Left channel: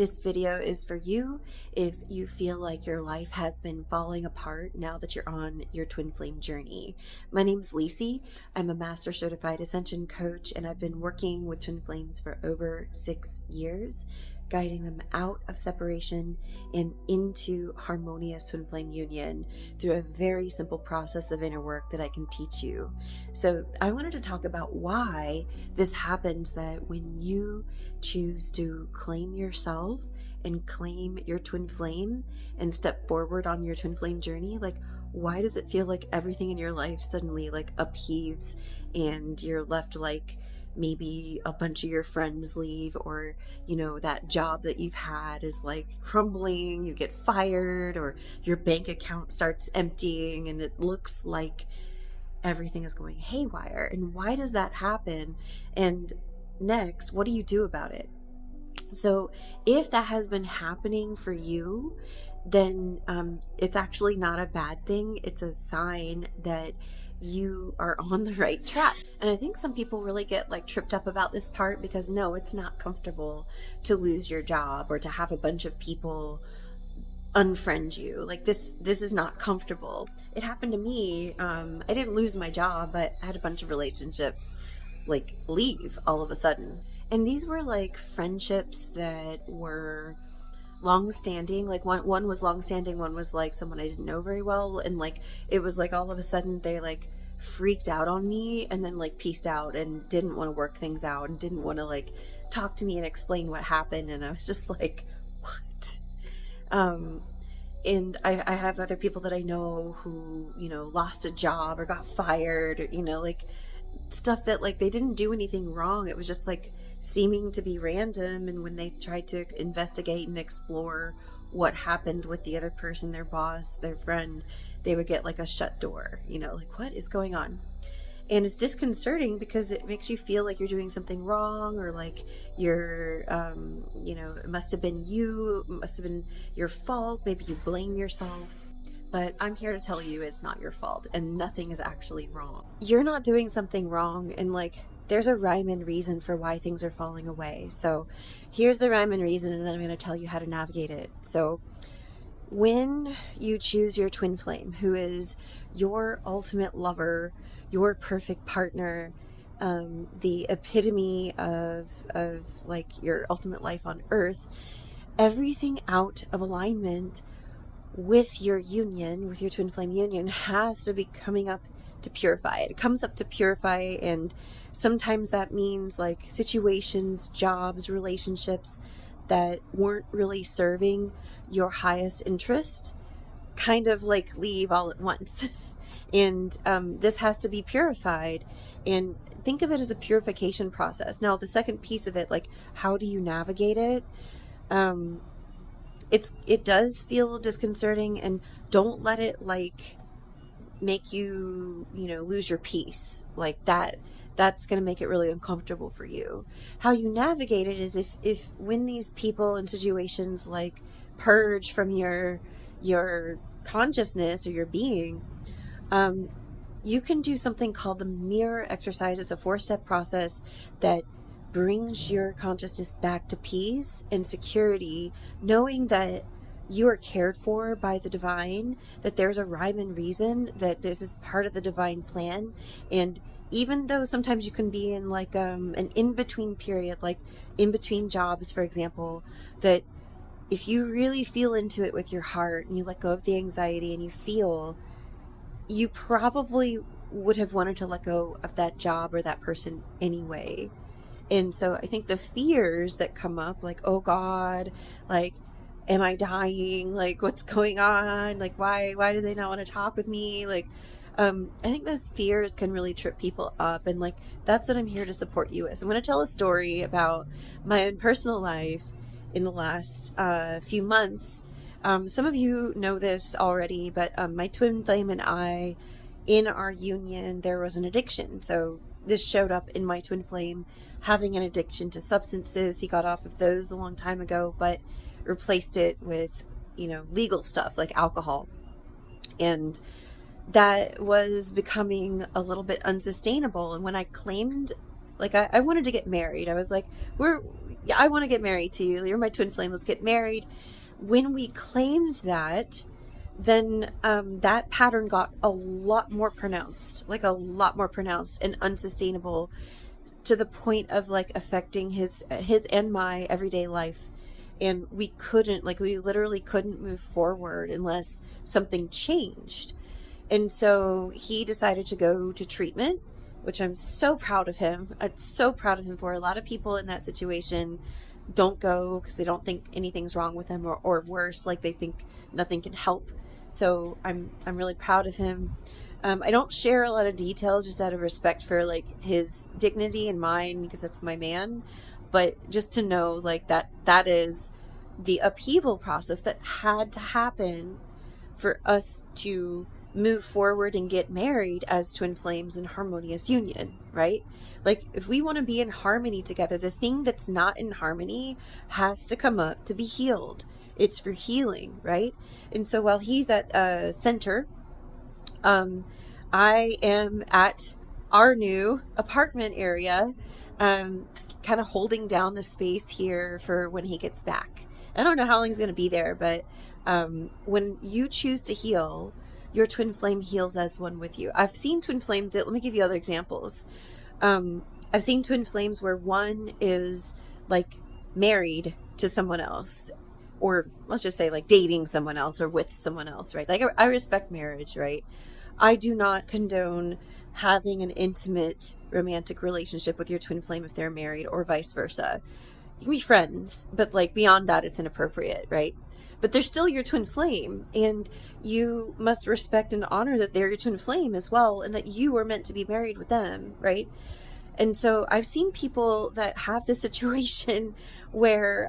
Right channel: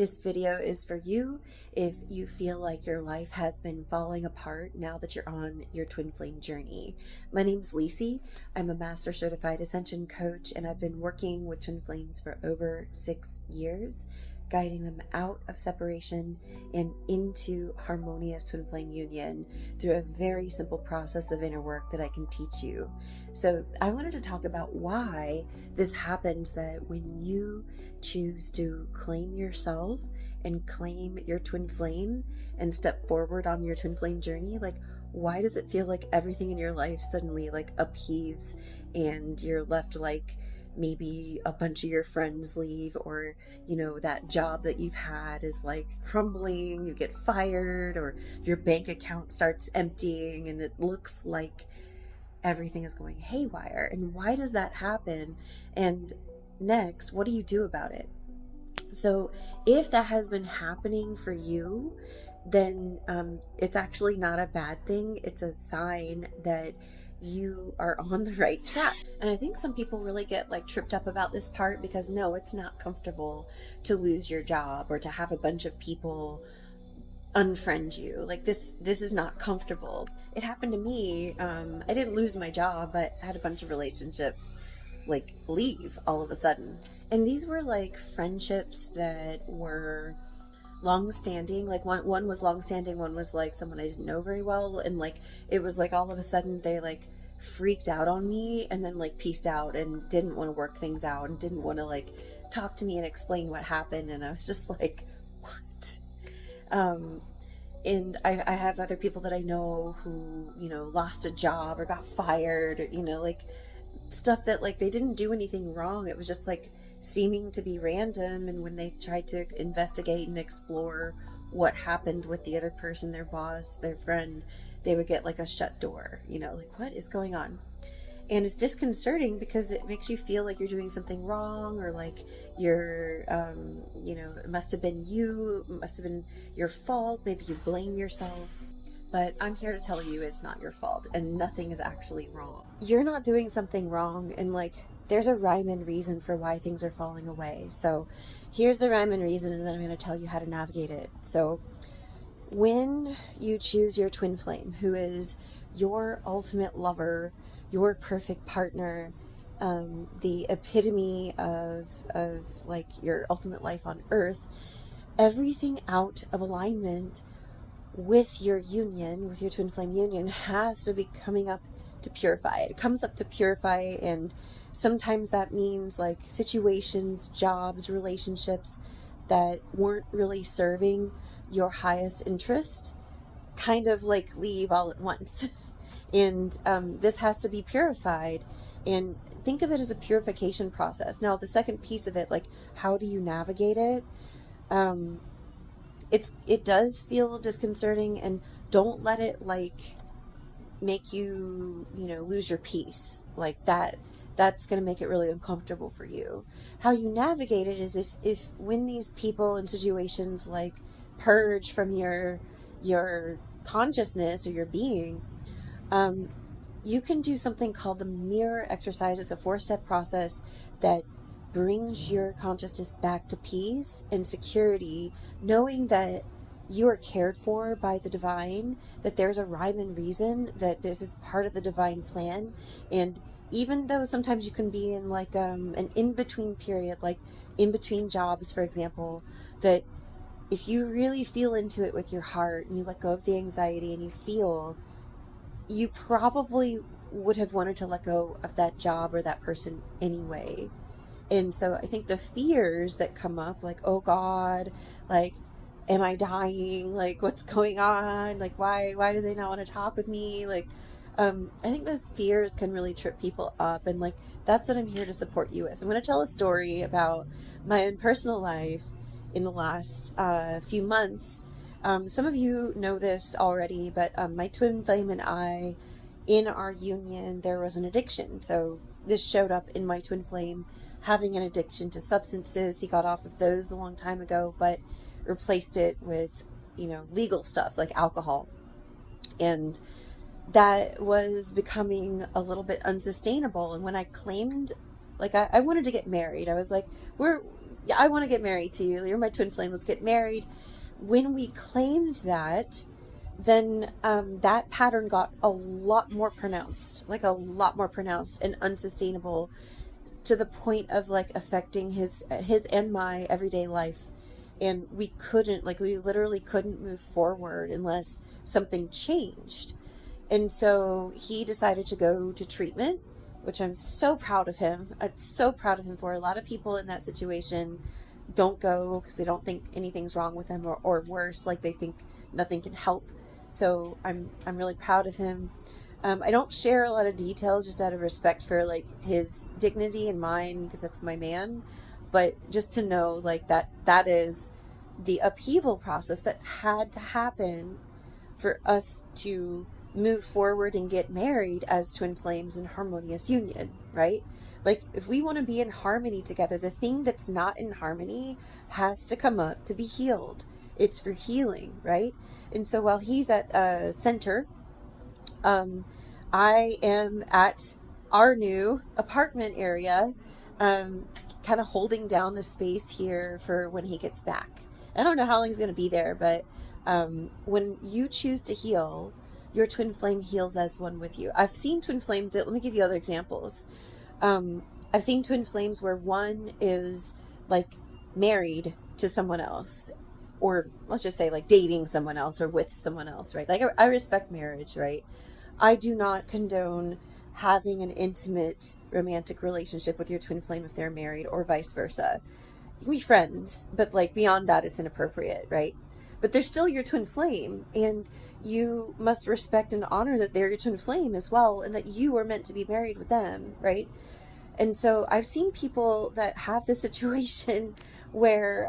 This video is for you if you feel like your life has been falling apart now that you're on your twin flame journey. My name's Lacey. I'm a master certified Ascension coach, and I've been working with twin flames for over 6 years, guiding them out of separation and into harmonious twin flame union through a very simple process of inner work that I can teach you. So I wanted to talk about why this happens, that when you choose to claim yourself and claim your twin flame and step forward on your twin flame journey, like, why does it feel like everything in your life suddenly like upheaves and you're left like maybe a bunch of your friends leave, or that job that you've had is like crumbling, you get fired, or your bank account starts emptying and it looks like everything is going haywire? And why does that happen? And next, what do you do about it? So if that has been happening for you, then it's actually not a bad thing. It's a sign that you are on the right track. And I think some people really get like tripped up about this part, because no, it's not comfortable to lose your job or to have a bunch of people unfriend you. Like this is not comfortable. It happened to me. I didn't lose my job, but I had a bunch of relationships like leave all of a sudden. And these were like friendships that were long-standing. Like one was long-standing, one was like someone I didn't know very well, and like it was like all of a sudden they like freaked out on me and then like peaced out and didn't want to work things out and didn't want to like talk to me and explain what happened. And I was just like, what? And I have other people that I know who lost a job or got fired, like stuff that like they didn't do anything wrong. It was just like seeming to be random, and when they tried to investigate and explore what happened with the other person, their boss, their friend, they would get like a shut door, like what is going on? And it's disconcerting because it makes you feel like you're doing something wrong, or like you're it must have been you, it must have been your fault, maybe you blame yourself. But I'm here to tell you it's not your fault, and nothing is actually wrong. You're not doing something wrong, and like there's a rhyme and reason for why things are falling away. So here's the rhyme and reason, and then I'm going to tell you how to navigate it. So when you choose your twin flame, who is your ultimate lover, your perfect partner, the epitome of like your ultimate life on earth, everything out of alignment with your union, with your twin flame union, has to be coming up to purify. It comes up to purify, and sometimes that means like situations, jobs, relationships that weren't really serving your highest interest kind of like leave all at once. And this has to be purified, and think of it as a purification process. Now, the second piece of it, like how do you navigate it? It does feel disconcerting, and don't let it like make you lose your peace like that. That's going to make it really uncomfortable for you. How you navigate it is if when these people and situations like purge from your consciousness or your being, you can do something called the mirror exercise. It's a 4-step process that brings your consciousness back to peace and security, knowing that you are cared for by the divine, that there's a rhyme and reason, that this is part of the divine plan. And even though sometimes you can be in like an in-between period, like in between jobs, for example, that if you really feel into it with your heart and you let go of the anxiety and you feel, you probably would have wanted to let go of that job or that person anyway. And so I think the fears that come up, like, oh God, like, am I dying? Like, what's going on? Like, why do they not want to talk with me? Like, I think those fears can really trip people up. And like, that's what I'm here to support you with. So I'm going to tell a story about my own personal life in the last few months. Some of you know this already, but my twin flame and I, in our union, there was an addiction. So this showed up in my twin flame having an addiction to substances. He got off of those a long time ago, but replaced it with, legal stuff like alcohol. And that was becoming a little bit unsustainable. And when I claimed Like I wanted to get married. I was like, yeah, I want to get married to you. You're my twin flame. Let's get married. When we claimed that, then that pattern got a lot more pronounced, like a lot more pronounced and unsustainable, to the point of like affecting his and my everyday life. And we literally couldn't move forward unless something changed. And so he decided to go to treatment, which I'm so proud of him. I'm so proud of him for. A lot of people in that situation don't go because they don't think anything's wrong with them, or worse, like they think nothing can help. So I'm really proud of him. I don't share a lot of details just out of respect for like his dignity and mine, because that's my man. But just to know like that is the upheaval process that had to happen for us to move forward and get married as twin flames in harmonious union, right? Like if we want to be in harmony together, the thing that's not in harmony has to come up to be healed. It's for healing, right? And so while he's at center, I am at our new apartment area, kind of holding down the space here for when he gets back. I don't know how long he's going to be there, but when you choose to heal, your twin flame heals as one with you. I've seen twin flames. Let me give you other examples. I've seen twin flames where one is like married to someone else, or let's just say like dating someone else or with someone else, right? Like I respect marriage, right? I do not condone having an intimate romantic relationship with your twin flame if they're married, or vice versa. You can be friends, but like beyond that, it's inappropriate, right? But they're still your twin flame, and you must respect and honor that they're your twin flame as well, and that you were meant to be married with them, right? And so I've seen people that have this situation where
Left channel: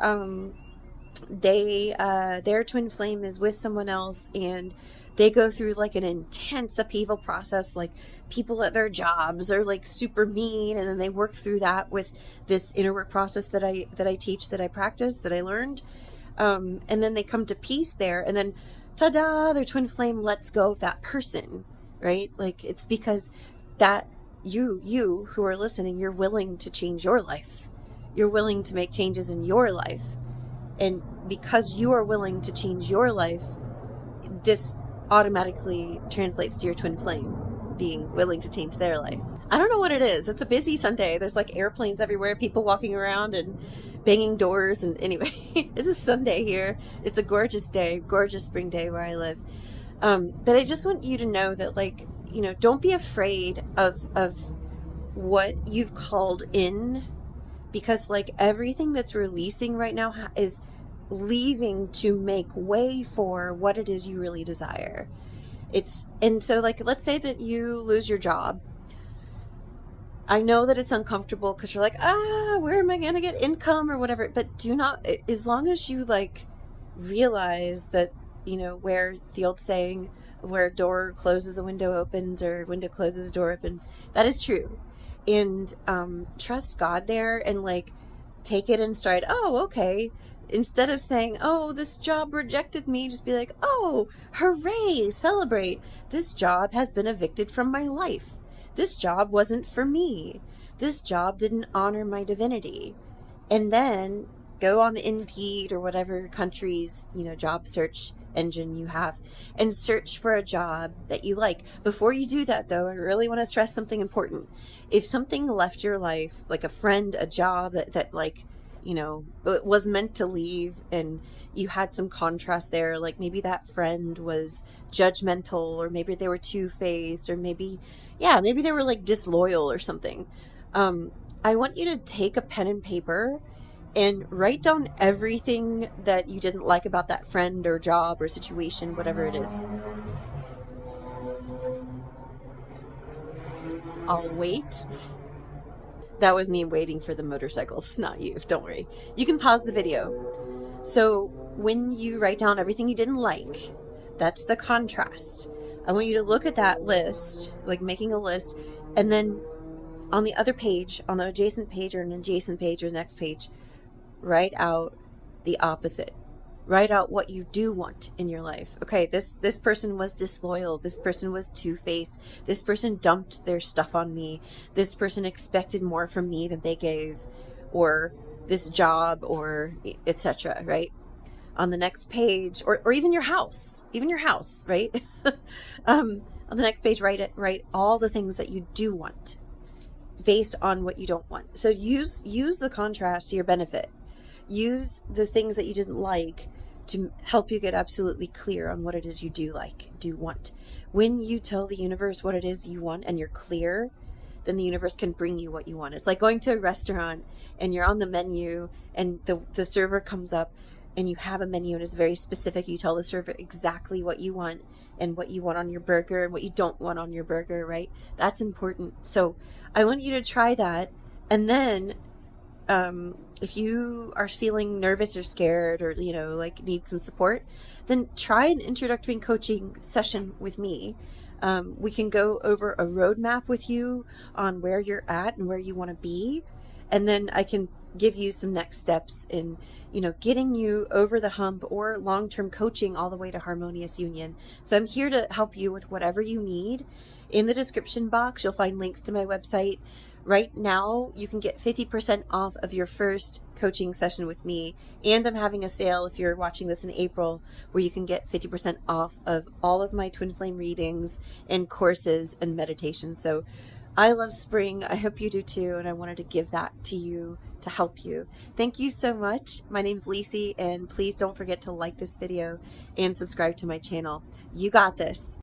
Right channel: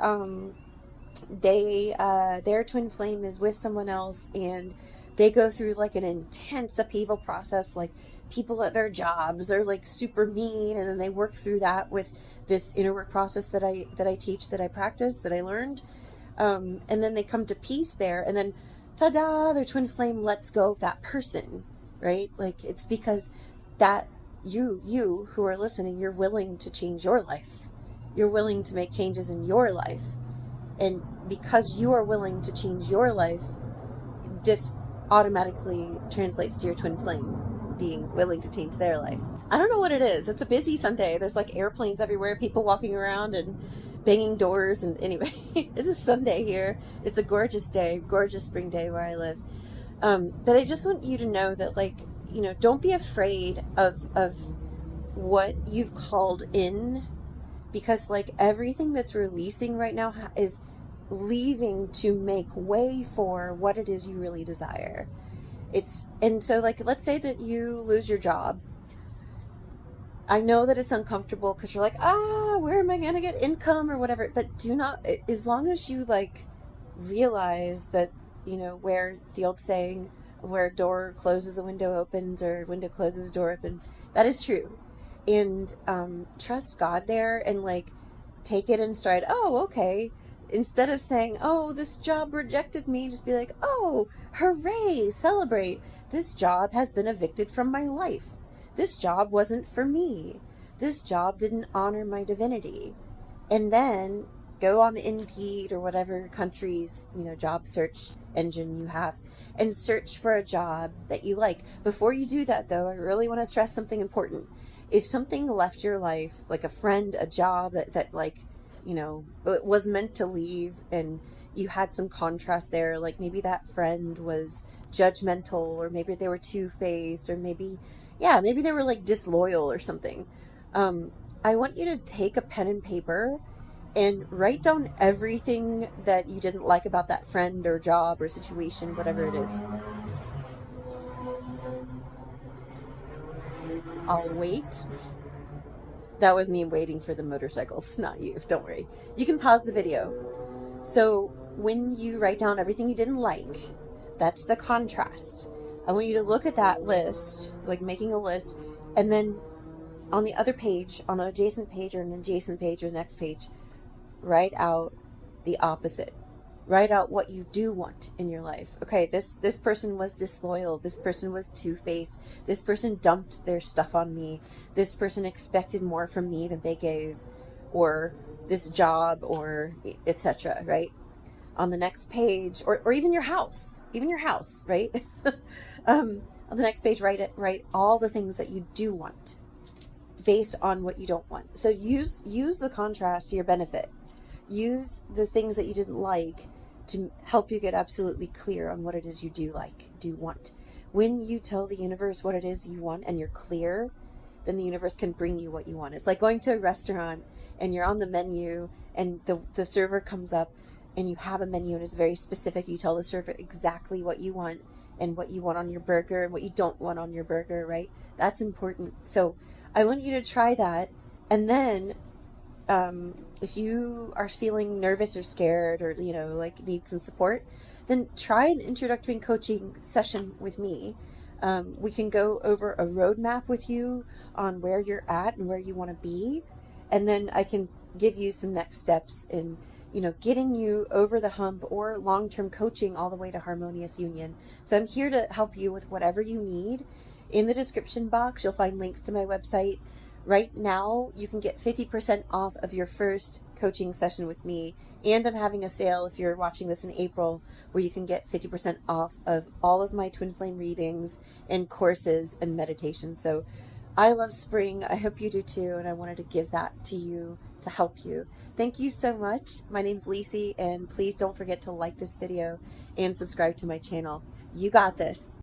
their twin flame is with someone else, and they go through like an intense upheaval process. Like people at their jobs are like super mean, and then they work through that with this inner work process that I teach, that I practice, that I learned. And then they come to peace there, and then ta-da, their twin flame lets go of that person, right? Like it's because that you who are listening, you're willing to change your life. You're willing to make changes in your life. And because you are willing to change your life, this automatically translates to your twin flame being willing to change their life. I don't know what it is. It's a busy Sunday. There's like airplanes everywhere, people walking around and banging doors. And anyway, it's a Sunday here. It's a gorgeous day, gorgeous spring day where I live. But I just want you to know that, like, you know, don't be afraid of what you've called in, because like everything that's releasing right now is leaving to make way for what it is you really desire. And so like, let's say that you lose your job. I know that it's uncomfortable because you're like, where am I going to get income or whatever, but do not, as long as you like realize that, you know, where the old saying, where a door closes, a window opens, or window closes, a door opens, that is true. And trust God there, and like take it in stride. Oh, okay. Instead of saying, oh, this job rejected me, just be like, oh, hooray, celebrate. This job has been evicted from my life. This job wasn't for me. This job didn't honor my divinity. And then go on Indeed or whatever country's, you know, job search engine you have, and search for a job that you like. Before you do that, though, I really want to stress something important. If something left your life, like a friend, a job that like, you know, it was meant to leave, and you had some contrast there, like maybe that friend was judgmental, or maybe they were two-faced, or maybe they were like disloyal or something. I want you to take a pen and paper and write down everything that you didn't like about that friend or job or situation, whatever it is. I'll wait. That was me waiting for the motorcycles, not you. Don't worry. You can pause the video. So when you write down everything you didn't like, that's the contrast. I want you to look at that list, like making a list, and then on the other page, on the adjacent page or an adjacent page or the next page, write out the opposite. Write out what you do want in your life. Okay, this person was disloyal. This person was two-faced. This person dumped their stuff on me. This person expected more from me than they gave, or this job, or etc. Right? On the next page, or even your house, right? On the next page, write all the things that you do want based on what you don't want. So use the contrast to your benefit. Use the things that you didn't like to help you get absolutely clear on what it is you do like, do want. When you tell the universe what it is you want and you're clear, then the universe can bring you what you want. It's like going to a restaurant and you're on the menu and the server comes up and you have a menu and it's very specific. You tell the server exactly what you want and what you want on your burger and what you don't want on your burger, right? That's important. So I want you to try that. And then if you are feeling nervous or scared or, like need some support, then try an introductory coaching session with me. We can go over a roadmap with you on where you're at and where you want to be. And then I can give you some next steps in, getting you over the hump or long-term coaching all the way to Harmonious Union. So I'm here to help you with whatever you need. In the description box, you'll find links to my website. Right now, you can get 50% off of your first coaching session with me. And I'm having a sale if you're watching this in April, where you can get 50% off of all of my twin flame readings and courses and meditations. So I love spring. I hope you do too. And I wanted to give that to you to help you. Thank you so much. My name's Lisi, and please don't forget to like this video and subscribe to my channel. You got this.